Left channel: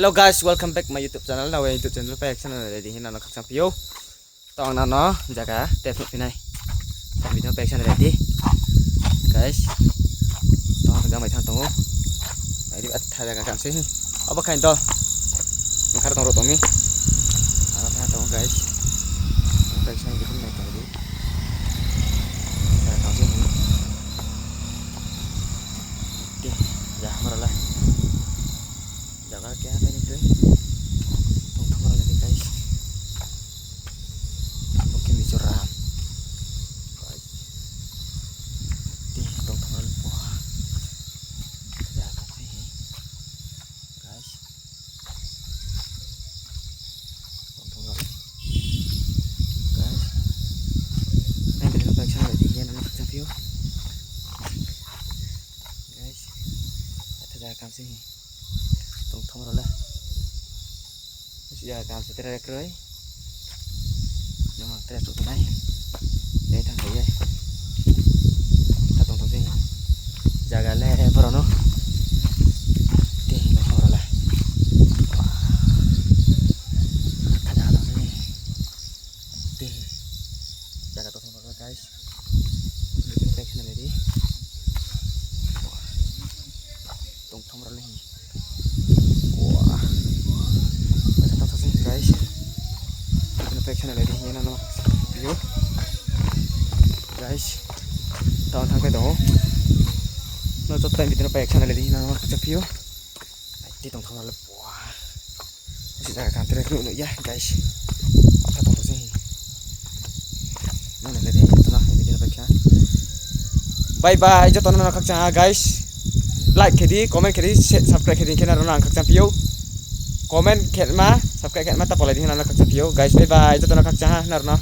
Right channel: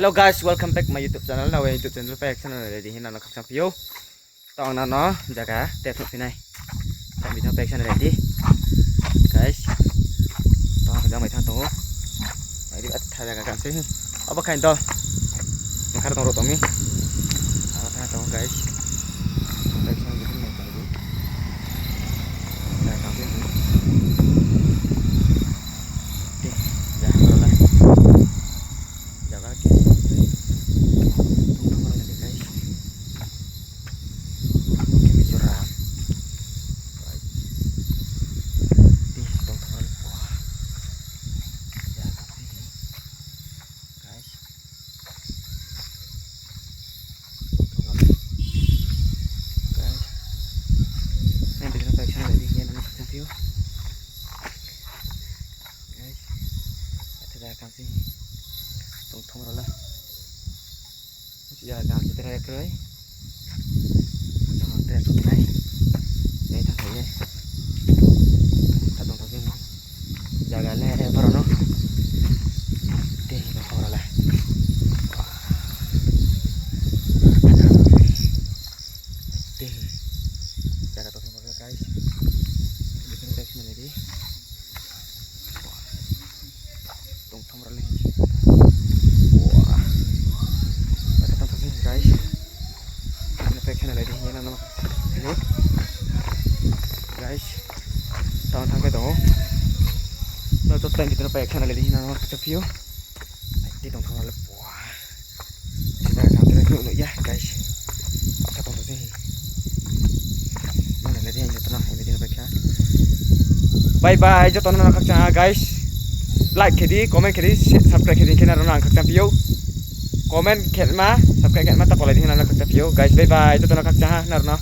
Hello guys, welcome back my YouTube channel. Now YouTube channel pa channel ready hina nak kham pio. Tong na no jaga tep pinai. Kami video pa channel ready. Guys. Tong jaga mai thang tong. Ai at tha jaga kam se. Aba kain dol. Makar tong ro tong ni. Ara tha tong guys. Pa channel video mai tong du. Jaga kam se. Oke, ya mara jaga ke cảm sinh tổng thống rồi là giờ làm gì cái cưới nó tên số này đây thằng thấy đây tổng thống sinh giờ là lẽ vào nó tiền nó vào rồi lại tiền giờ là tổng thống rồi guys mình cái này đi tổng thống rồi lên wow tổng thống sinh guys ini pack này đi như nào ini guys tahun thang cái đó nó cho tay itu pack này đi như nào chụp phiếu đi tổng thống rồi wow sudah sampai dulu nữa ya guys apa tổng thống sinh mana lagi itu nah ini pack bye bye cho toàn nó khắc cha guys like kedi comment kedi subscribe kedi kena rona khak champio comment khet ma subscribe khet ma ta polai ding na khak champio guys bye bye to na khak cha ha na rona